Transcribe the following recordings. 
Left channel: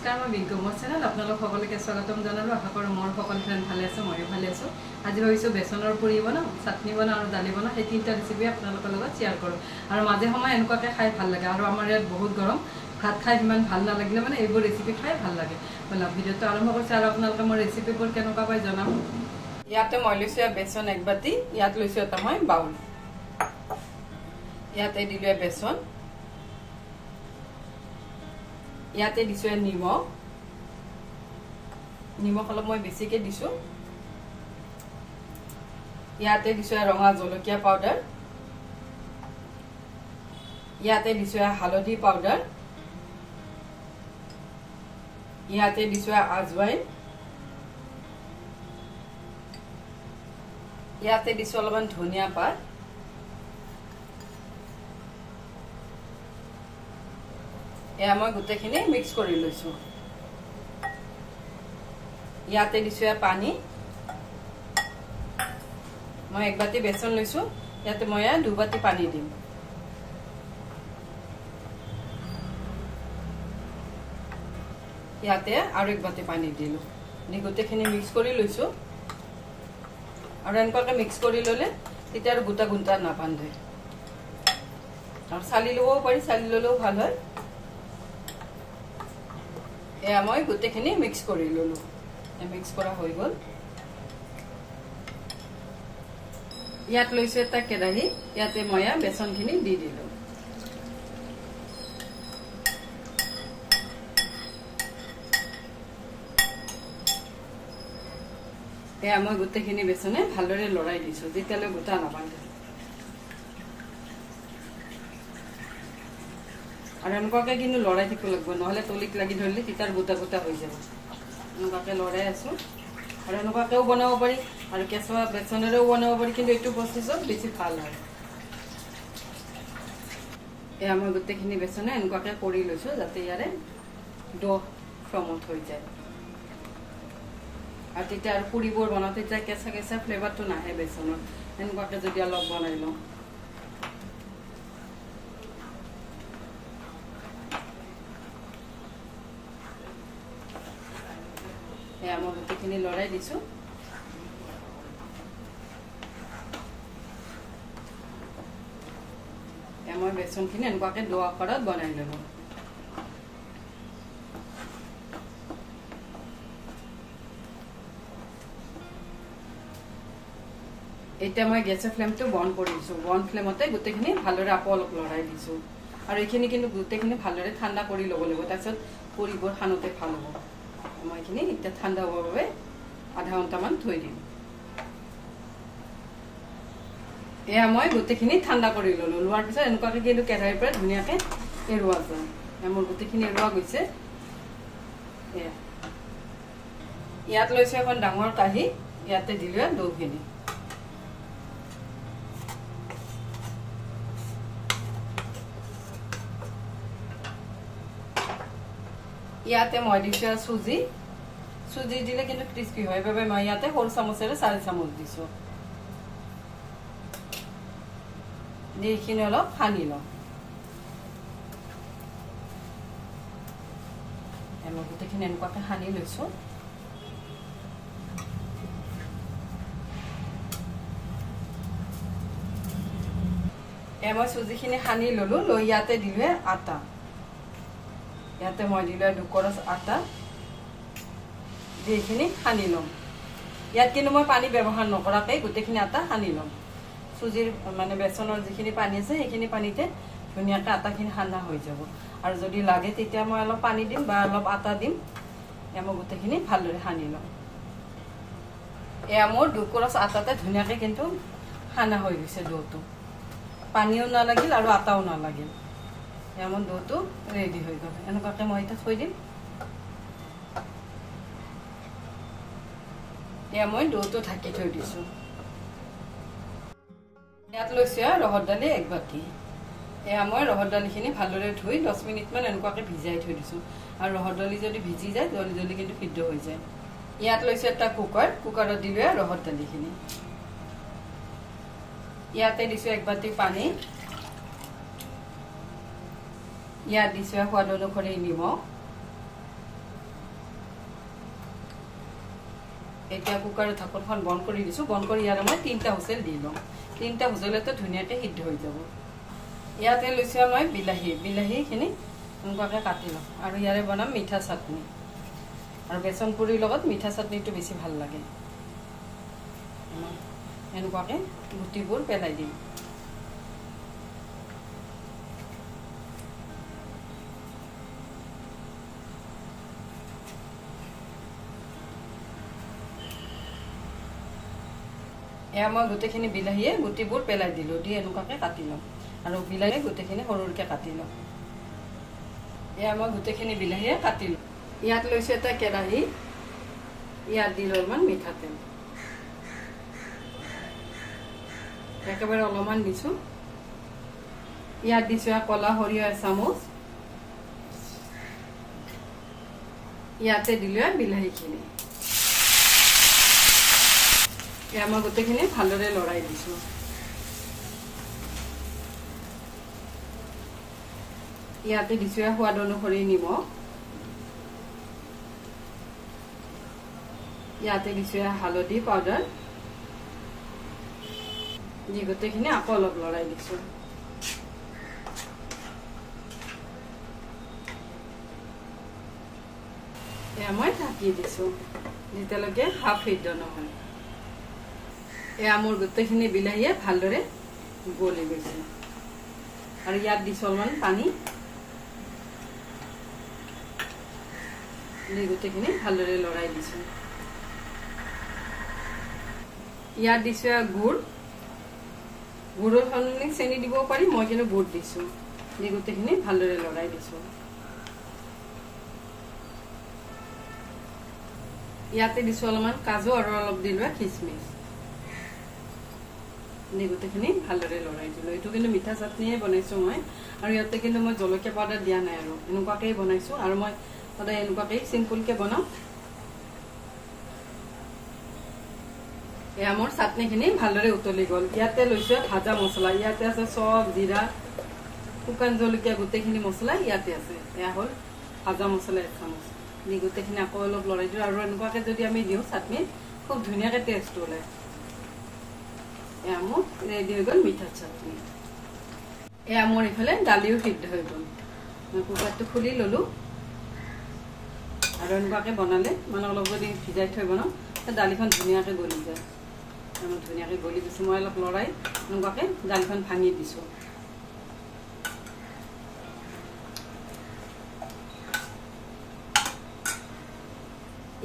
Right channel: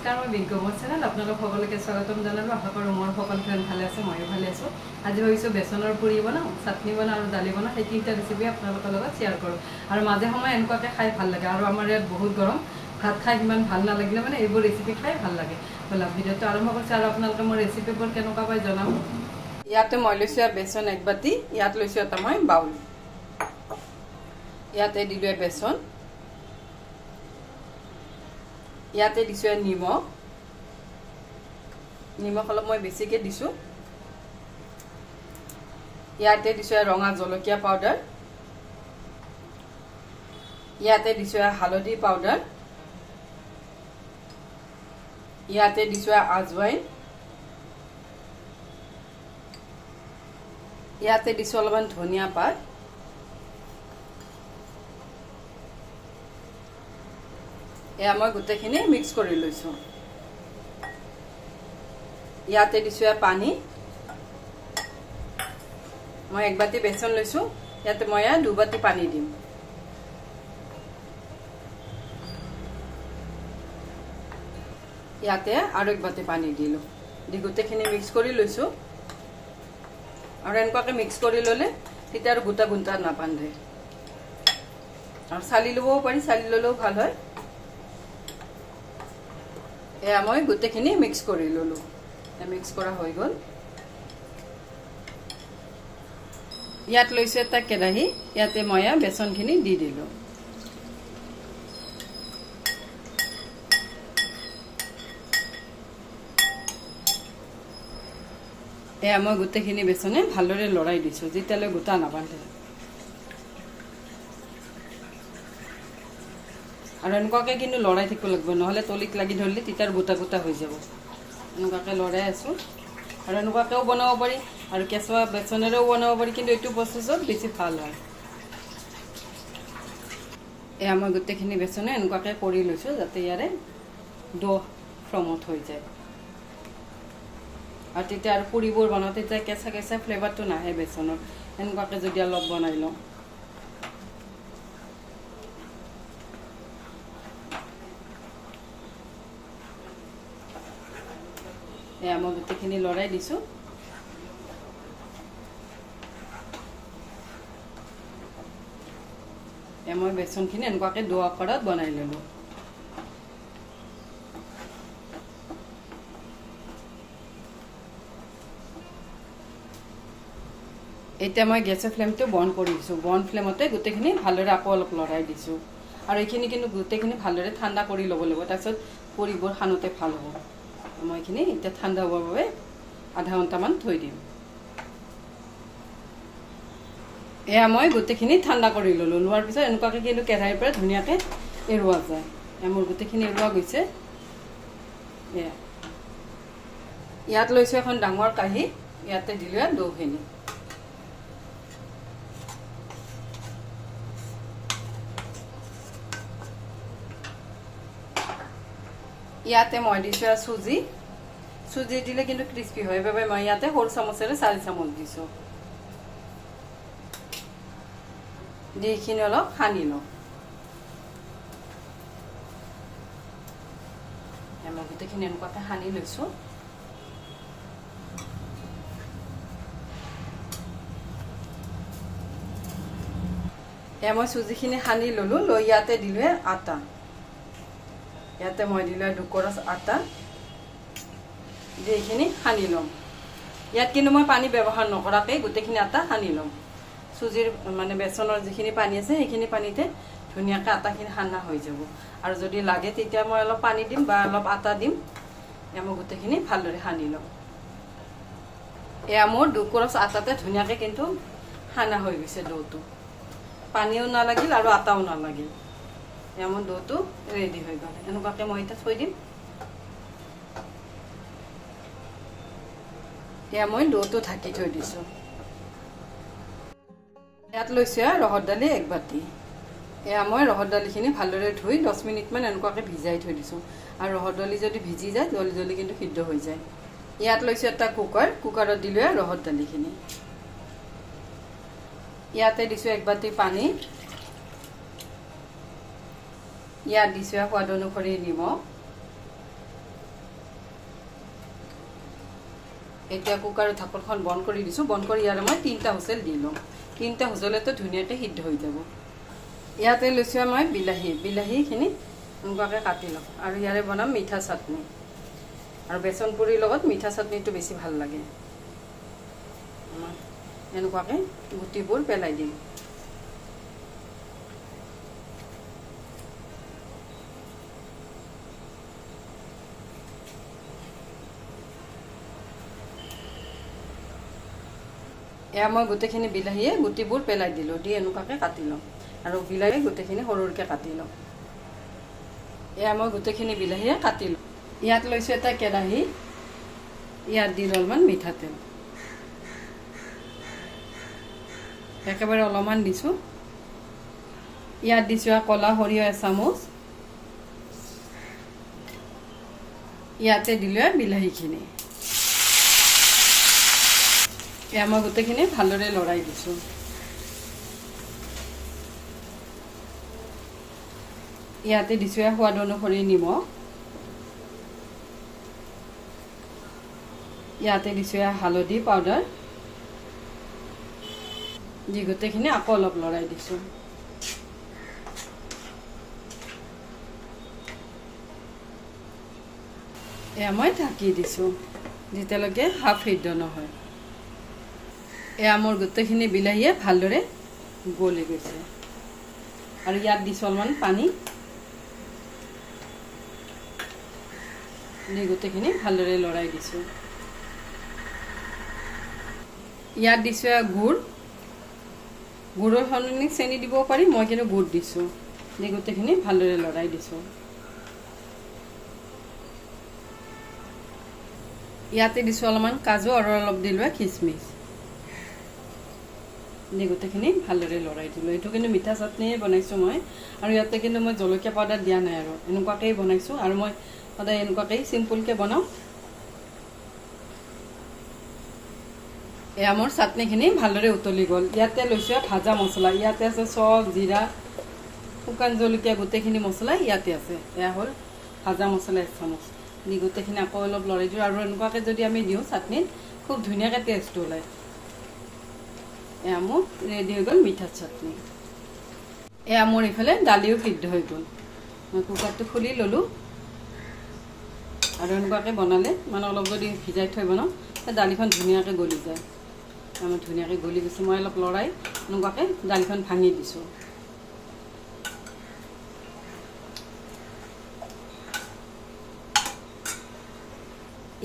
নমস্কাৰ মই বিজ্ঞ মোৰ চেনেল আপোনালোক সকলোকে স্বাগতম জনালো আশা কৰোঁ মোৰ সকলো ফ্ৰেণ্ড ভালে আছে ময়ো ভালে আছো আজি ভাবিছোঁ বেচনৰ পুৰি বনাওঁ চাটনি বনাওঁ আৰু দালি বনাওঁ এই তিনিটা ৰেচিপি আপোনালোকৰ লগত শ্বেয়াৰ কৰোঁ আৰু মাজে সময়ে এনেকুৱাকৈ খাই ভাল লাগে আৰু আমাৰ ইয়াত বহুত গৰম ভাত খাই ইমান ভাল নালাগিলে মানে এইবোৰ ৰেচিপি খাই ভাল লাগে বলা ভিডিঅ'টো আৰম্ভ কৰিছোঁ আৰু আপোনালোকে মোৰ ৰেচিপিবোৰ কেনেকুৱা পাই জনাব ইয়াতে মই লৈছোঁ বেচন এক বাটি ইয়াত লৈছোঁ এটা মই বাউল ইয়াতে দিলোঁ বেচন ইয়াতে দিছো নিমখ নিমখ অলপ মই বেছিকে দিছো ইয়াতে দিছো ৰঙা জলকীয়া পাউডাৰ ইয়াতে দিছো হালধি পাউডাৰ ইয়াতে দিছো আজৱাইন ইয়াতে দিছো অলপমান ধনিয়া পাত এয়া মই গোটেইখিনি মিক্স কৰি লৈছো ইয়াতে দিছো পানী মই এক বাটি বেচন লৈছো ইয়াতে মই দুই বাটি পানী দিম ইয়াতে আৰু এক বাটি পানী দিলো দি গোটেইখিনি মিক্স কৰি লৈছো আৰু এনেকুৱাকৈ মিক্স কৰি ললে তেতিয়া আৰু গোটা গুন্টা নাপান্ধে আৰু চালি লবও পাৰি চালি ললেও ভাল হয় এয়া মই গোটেইখিনি মিক্স কৰি ললো মিক্স কৰা হৈ গল ইয়াত লৈছে এটা কেৰাহী ইয়াতে মই বেচনখিনি দি দিলো এয়া মই গোটেইখিনি বেচনে ভালদৰে লৰাই দিছো যেতিয়ালৈ গোটা নাপালে আৰু এনেকুৱাকৈ কিন্তু লৰাই থাকিব লাগিব নহলে তলিত লাগি ধৰিলে তিতাৰ গোটা গোটা হৈ যাব এনেকুৱাকৈ লৰাই আছো আৰু এনেকুৱাকৈও বনাব পাৰি আৰু কেঁচা বেচনেৰেও বনাব পাৰি কিন্তু এইটো প্ৰচেছত বেছি ভাল হয় এয়া মই গোটেইখিনি বেচনে এনেকুৱাকৈ কৰি লৈছো যাতে ইয়াৰে ডো ফ্ৰমত হৈ যায় আৰু তেতিয়া আৰু পুৰিবোৰ বনাওঁ তেতিয়া কেঁচা কেঁচা ফ্লেভাৰটো নাহে বেচনৰ এনেকুৱাকৈ যদি অলপ বনাই লওঁ এয়া মই গোটেইখিনি লৰাই দিছো মই বেচনখিনি এনেকুৱাকৈ ডো আকাৰত বনাই ললো এতিয়া মই গেছৰ ফ্লেমটো বন্ধ কৰি দিছো বন্ধ ফ্লেমতে গোটেইখিনি ভালদৰে আকৌ অলপ লৰাই দিছো আৰু এইখিনি কিন্তু গোটেইখিনি ভালদৰে ঠাণ্ডা কৰি ল'ব লাগিব তাৰপিছত পুৰিবোৰ সানোতে ভাল হ'ব মই এইখিনি এতিয়া ঠাণ্ডা হ'বৰ বাবে আধা ঘণ্টামান থৈ দিম এয়া মই গোটেইখিনি ঠাণ্ডা কৰি ললো লোৱাৰ পিছত এনেকুৱাকৈ কিন্তু কেৰাহীৰ পৰা ধুনীয়াকৈ এৰুৱা যায় মোৰ গোটেইখিনি এৰুৱা গৈছে ইয়াত লৈছো এখন ডাঙৰ কাঁহী ইয়াতে দিলো দৌখিনি ইয়াতে মই দিছো চুজি চুজি দিলে কিন্তু ক্রিস্পি হয় বাবে মই ইয়াতে সৰু চামুচেৰে 4 চামুচ দিছো দিখিনি অলপ সানি লওঁ আমি গোটেইখিনি এনেকুৱাকৈ সানি লৈছো মই চুজিখিনি সানি ললো লৈ ইয়াতে দিলো আটা ইয়াতে মই দিলো দুকৰচ আটা এইখিনি সানি লম ইয়াত কিন্তু মই পানী ব্যৱহাৰ নকৰাকৈ গোটেইখিনি আটা সানি লম চুজিৰ মানে বেচনৰ যিখিনি পানী আছে সেইখিনি পানীতে ধুনীয়াকৈ আটাখিনি সানা হৈ যাব আৰু যদি লাগে তেতিয়া মই অলপ পানী দিম বা অলপ আটা দিম এয়া মই গোটেইখিনি ভালদৰে সানি লম এয়া মোৰ দুকৰচ আটাতে ধুনীয়াকৈ কিন্তু সানা হৈ গৈছে ডোটো পানীও নালাগিল আৰু আটাও নালাগিল এমন ডোটো ৰেডি হৈ গল এনেকুৱাকৈ মই এটা থৈ দিম এয়া মই ডোটো ঢাকি থৈ দিছো ইয়াত লৈছো ৰহৰ দালি এক বাটি এয়া মই ৰহৰ দালিখিনি ভালদৰে ধুই 10 মিনিটমান এনেকুৱাকৈ ভিজাই থৈ দিছো আৰু ৰহৰ দালি যদি ভিজি যায় জলদি জলদি কিন্তু সিদ্ধ হৈ যায় ইয়াত লৈছো এটা কুকাৰত দিলো ৰহৰ দালিখিনি ইয়াতে দিছো এক বাটি পানী ইয়াত দিছো সোৱাদ অনুসৰি নিমখ এতিয়া কুকাৰৰ ঢাকনখন বন্ধ কৰি দিছো। বন্ধ কৰি ইয়াৰে মই 3টা হুইচেল দি লম। 3টা হুইচেলতে ধুনীয়াকৈ সিদ্ধ হৈ যাব। ইয়াতে লৈছো মই বিলাহীখিনি এনেকুৱাকৈ কাটি লম আৰু ইয়াৰে বনাম মিঠা চাটনি। আৰু বেচন পুৰিৰ লগত মিঠা চাটনিটো বেছি ভাল লাগে। এনেকুৱাকৈ গুটিবোৰ পেলাই দিম। এয়া মই গোটেইখিনি বিলাহীয়ে গুটিবোৰ পেলাই দিলোঁ। দি এনেকুৱাকৈ কাটি ল'ম আৰু বিলাহী গোটেইখিনি সৰুকৈ কাটি ল'ম। এয়া মই গোটেইখিনি বিলাহীয়ে কাটি ল'ম। ইয়াত লৈছোঁ এটা কেৰাহী। ইয়াত দিলোঁ অলপমান মিঠাতেল, একেবাৰে অলপমান দিছোঁ। ইয়াত দিছোঁ ক'লা সৰিয়হ এচামুচ। ইয়াতে দিলোঁ বিলাহীখিনি। এয়া মই গোটেইখিনি ভালদৰে লৰাই দিছোঁ। ইয়াতে দিছোঁ সোৱাদ অনুসৰি নিমখ। ইয়াতে দিছোঁ হালধি পাউডাৰ। দি গোটেইখিনি আকৌ অলপ লৰাই দিছোঁ। এয়া মই ঢাকি দিছোঁ যেতিয়ালৈকে হাফ সিদ্ধ নহয়। এয়া মোৰ গোটেইখিনি বিলাহীয়ে ভালদৰে গলি গৈছে আৰু ইয়াত দিছোঁ অলপমান পানী। দি গোটেইখিনি ভালদৰে লৰাই দিছোঁ। ইয়াত দিছোঁ গুড়। গুড়ৰ সলনি চেনি দিব পাৰি, মই কিন্তু গুড় দিছোঁ। দি গোটেইখিনি ভালদৰে লৰাই দিছোঁ। ইয়াতে দিছোঁ অলপমান কাজু আৰু অলপ দিলোঁ খিচমিচ। দি গোটেইখিনি ভালদৰে লৰাই দিলোঁ। এইটো কিন্তু মিঠা চাটনিয়ে বনাইছোঁ মই, আৰু ইয়াতে কিন্তু মই জলকীয়া পাউডাৰ দিয়া নাই আৰু এনেকুৱাকেই বনাইছোঁ। আৰু মই সদায় এনেকুৱাকেই চিম্পুলকৈ বনাওঁ। এয়া মোৰ চাটনিখিনি ভালদৰে উতলি গ'ল। ইয়াতে লৈছোঁ ভাজা মছলা। ইয়াতে আছে চব, জিৰা, শুকান জলকীয়া, গোটেইখিনি মছলা ইয়াতে আছে। এয়া হ'ল ভাজা মছলা 1 চামুচ। দি গোটেইখিনি আকৌ অলপ লৰাই দিওঁ। আৰু এনেকুৱাকৈ যদি আমি দিওঁ চাটনিত খুব ধুনীয়াকৈ টেষ্ট ওলায়। এয়া মোৰ ৰেডি হৈ গ'ল মিঠা চাটনি। এয়া মোৰ ইফালে দালিও সিদ্ধ হৈ গ'ল। মই কুকাৰটো খুলি ল'লোঁ। আৰু এনেকুৱাকৈ বনালে মানে অলপ যদি ভিজাই থৈ বনাওঁ দালিখন ধুনীয়াকৈ গলি যায়। আমাৰ ধুনীয়াকৈ গলি গৈছে। মই অলপ লৰাই এনেকুৱাকৈ দালিখন ভাঙি দিছোঁ।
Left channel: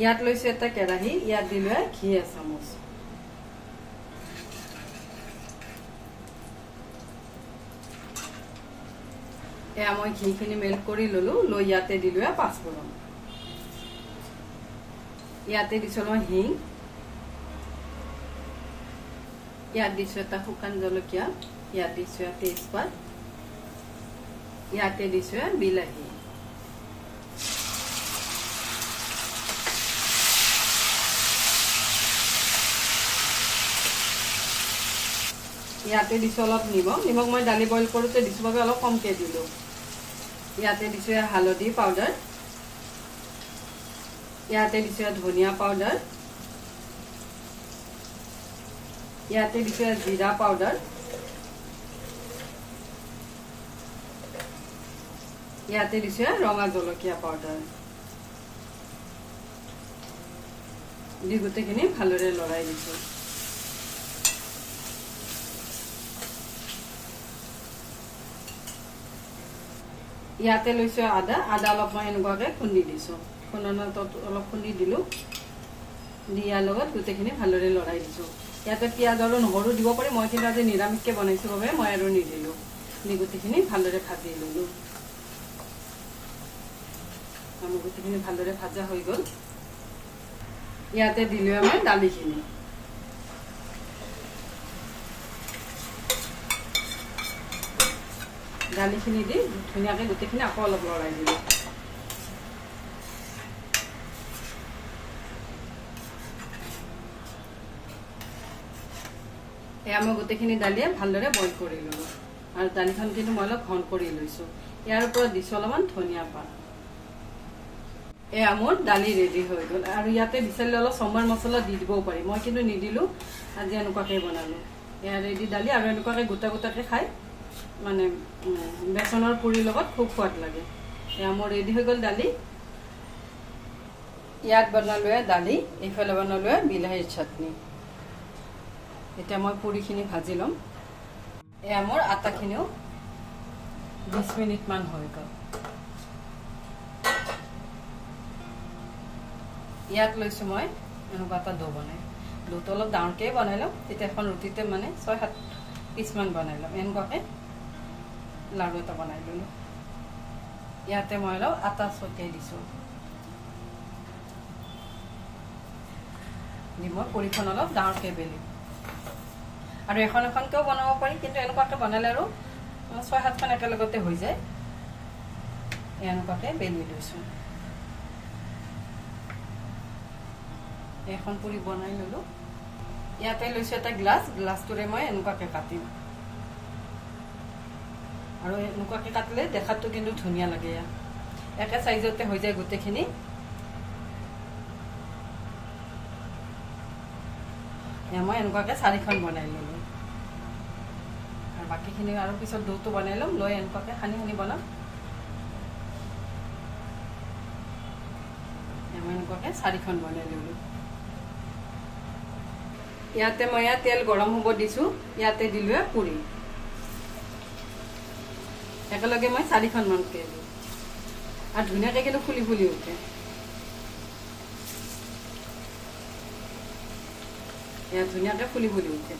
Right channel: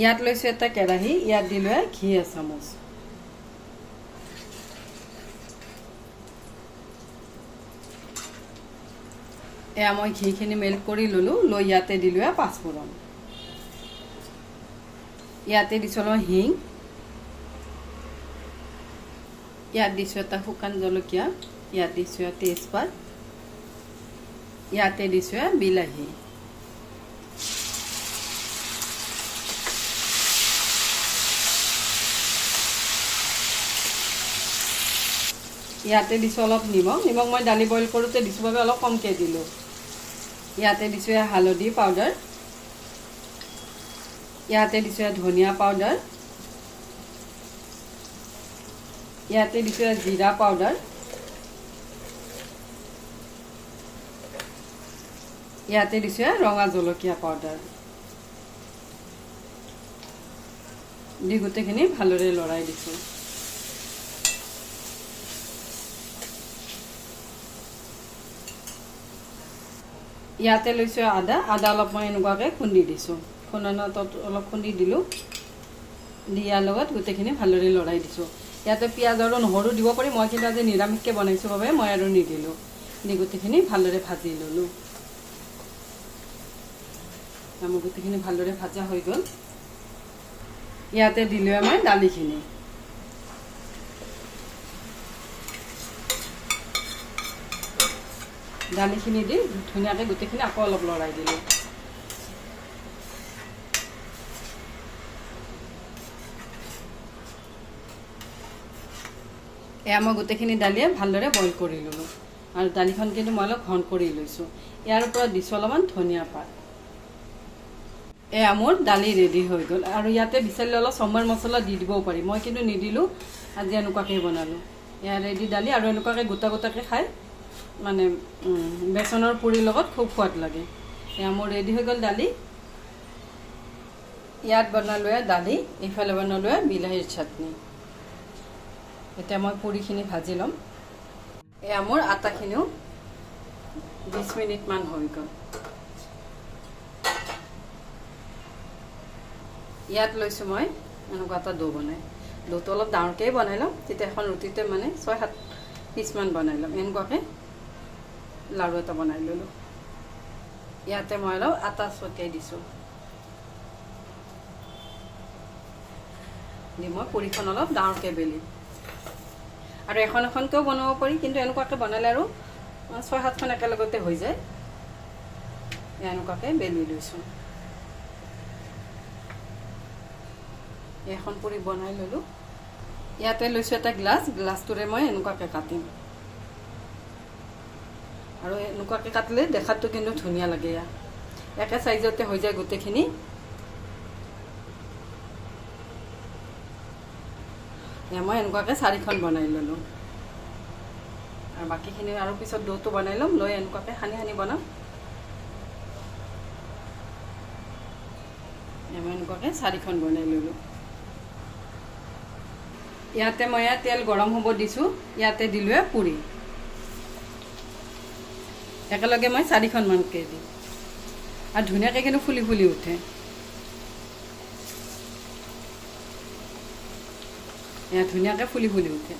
ইয়াত লৈছোঁ এটা কেৰাহী। ইয়াত দিলোঁ ঘি 1 চামুচ। এয়া মই ঘিখিনি মেল্ট কৰি ল'লোঁ। লৈ ইয়াতে দিলোঁ পাঁচফোৰণ। ইয়াতে দিছোঁ হিং। ইয়াত দিছোঁ এটা শুকান জলকীয়া। ইয়াত দিছোঁ তেজপাত। ইয়াতে দিছোঁ বিলাহী। ইয়াতে দিছোঁ অলপ নিমখ। নিমখ মই দালি বইল কৰোঁতে দিছোঁ বাবে অলপ কমকৈ দিলোঁ। ইয়াতে দিছোঁ হালধি পাউডাৰ। ইয়াতে দিছোঁ ধনিয়া পাউডাৰ। ইয়াতে দিছোঁ জিৰা পাউডাৰ। ইয়াতে দিছোঁ ৰঙা জলকীয়া পাউডাৰ। দি গোটেইখিনি ভালদৰে লৰাই দিছোঁ। ইয়াতে লৈছোঁ আদা। আদা অলপ মই এনেকুৱাকৈ খুন্দি দিছোঁ। খুন্দনাত অলপ খুন্দি দিলোঁ। দি ইয়াৰ লগত গোটেইখিনি ভালদৰে লৰাই দিছোঁ। ইয়াতে পিঁয়াজ আৰু নহৰু দিব পাৰি, মই কিন্তু আজি নিৰামিষকৈ বনাইছোঁ বাবে মই আৰু নিদিলোঁ। দি গোটেইখিনি ভালদৰে ভাজি ল'লোঁ। আমাৰ গোটেইখিনি ভালদৰে ভাজা হৈ গ'ল। ইয়াতে দিলোঁ আমি দালিখিনি। দালিখিনি দি ধুনীয়াকৈ গোটেইখিনি আকৌ অলপ লৰাই দিলোঁ। এয়া মই গোটেইখিনি দালিয়ে ভালদৰে বইল কৰি ল'লোঁ। আৰু দালিখন কিন্তু মই অলপ ঘন কৰি লৈছোঁ। ইয়াৰ ওপৰত দিছোঁ অলপমান ধনিয়া পাত। এয়া মোৰ দালি ৰেডি হৈ গ'ল আৰু ইয়াতে বিচাৰিলে অলপ চম্বাৰ মছলা দি দিবও পাৰি মই কিন্তু নিদিলোঁ আজি এনেকুৱাকৈ বনালোঁ এয়া ৰেডি দালি আৰু এনেকুৱাকৈ গোটা গোটাকৈ খাই মানে বেচনৰ পুৰিৰ লগত খুব সোৱাদ লাগে এয়া মোৰ ৰেডি হৈ গ'ল দালি ইয়াত বনালোঁ দালি এইফালে বনালোঁ বিলাহীৰ চাটনি এতিয়া মই পুৰিখিনি ভাজি ল'ম এয়া মোৰ আটাখিনিও 20 মিনিটমান হৈ গ'ল ইয়াত লৈছোঁ মই এনেকুৱা এটা ডো বনাই ডোটো অলপ ডাঙৰকৈ বনাই ল'ম তেতিয়া এখন ৰুটিতে মানে 6-7 পিচমান বনাই ল'ম এনেকুৱাকৈ লাড়ু এটা বনাই ল'লোঁ ইয়াতে মই অলপ আটা ছটিয়াই দিছোঁ দি মই পুৰিখন অলপ ডাঙৰকৈ বেলি আৰু এখন এখনকৈও বনাব পাৰি কিন্তু এনেকুৱাকৈ বনালে আৰু 6-7খন একেলগতে হৈ যায় এনেকুৱাকৈ বেলি লৈছোঁ এখন পুৰি বনাই ল'লোঁ ইয়াতে লৈছোঁ এটা গ্লাছটোৰে মই এনেকুৱাকৈ কাটিম আৰু এনেকুৱাকৈ কাটিলে দেখাতটো কিন্তু ধুনীয়া লাগে ইয়াত একে চাইজতে হৈ যায় গোটেইখিনি মই এনেকুৱাকৈ 4খন বনাই ল'লোঁ আৰু বাকীখিনি আৰু পিছত ডোটো বনাই ল'ম লৈ এনেকুৱাকৈ সানি সানি বনাম মই এনেকুৱাকৈ 4খন বনাই ল'লোঁ ইয়াতে মই তেল গৰম হ'ব দিছোঁ ইয়াতে দিলোঁ পুৰি একেলগে মই 4খন মানকৈ দিওঁ আৰু ধুনীয়াকৈ কিন্তু ফুলি ফুলি উঠে এয়া ধুনীয়াকৈ ফুলি ফুলি উঠে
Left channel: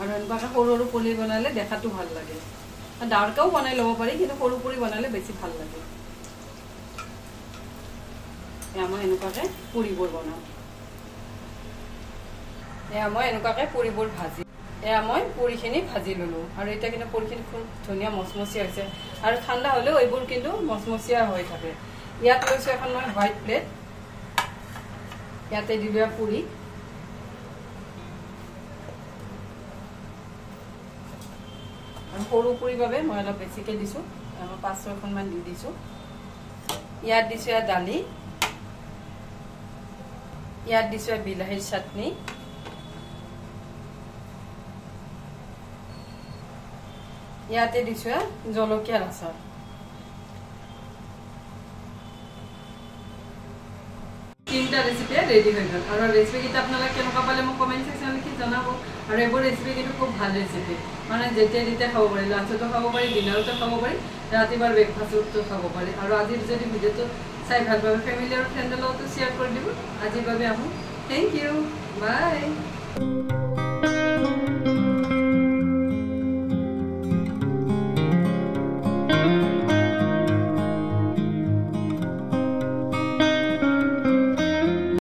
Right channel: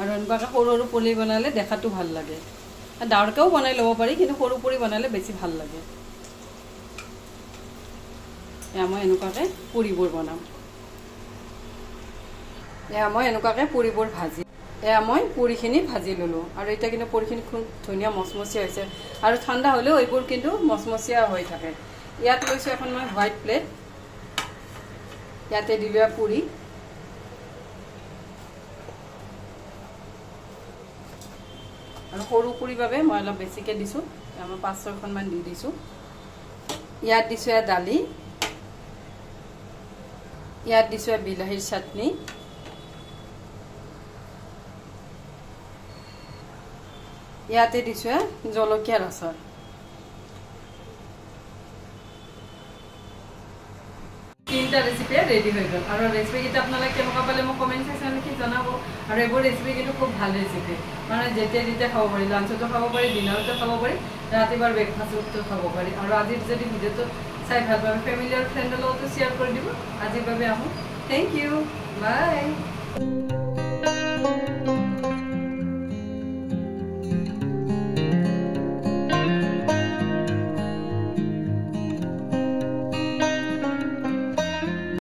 আৰু এনেকুৱাকৈ সৰু সৰু পুৰি বনালে দেখাটো ভাল লাগে ডাঙৰকৈও বনাই ল'ব পাৰি কিন্তু সৰু পুৰি বনালে বেছি ভাল লাগে এয়া মই এনেকুৱাকৈ পুৰিবোৰ বনাওঁ এয়া মই এনেকুৱাকৈ পুৰিবোৰ ভাজি এয়া মই পুৰিখিনি ভাজি ল'লোঁ আৰু এতিয়া কিন্তু পুৰিখিনি খুব ধুনীয়া মচমচীয়া হৈছে আৰু ঠাণ্ডা হ'লেও এইবোৰ কিন্তু মচমচীয়া হৈ থাকে ইয়াত লৈছোঁ এখন মই হোৱাইট প্লেট ইয়াতে দিলোঁ পুৰি আৰু সৰু পুৰিৰ বাবে মই অলপ বেছিকৈ দিছোঁ 5-6খনমান দি দিছোঁ ইয়াত দিছোঁ দালি ইয়াত দিছোঁ বিলাহীৰ চাটনি ইয়াতে দিছোঁ জলকীয়াৰ আচাৰ তিনটা ৰেচিপি ৰেডি হৈ গ'ল আৰু ৰেচিপিকেইটা আপোনালোকে কেনেকুৱা পালে মোক কমেণ্ট ছেকশ্যনত লিখি জনাব আৰু এইবোৰ ৰেচিপি কিন্তু খুব ভাল ৰেচিপি মানে যেতিয়া যেতিয়া খাব পাৰি লাঞ্চতো খাব পাৰি ডিনাৰতো খাব পাৰি ৰাতিপুৱাৰ ব্ৰেকফাষ্টতো খাব পাৰি আৰু আজিৰ যদি ভিডিঅ'টো চাই ভাল পাবে ফেমিলি আৰু ফ্ৰেণ্ডৰ লগতো শ্বেয়াৰ কৰি দিব আজিৰ বাবে আহোঁ থেংক ইউ বাই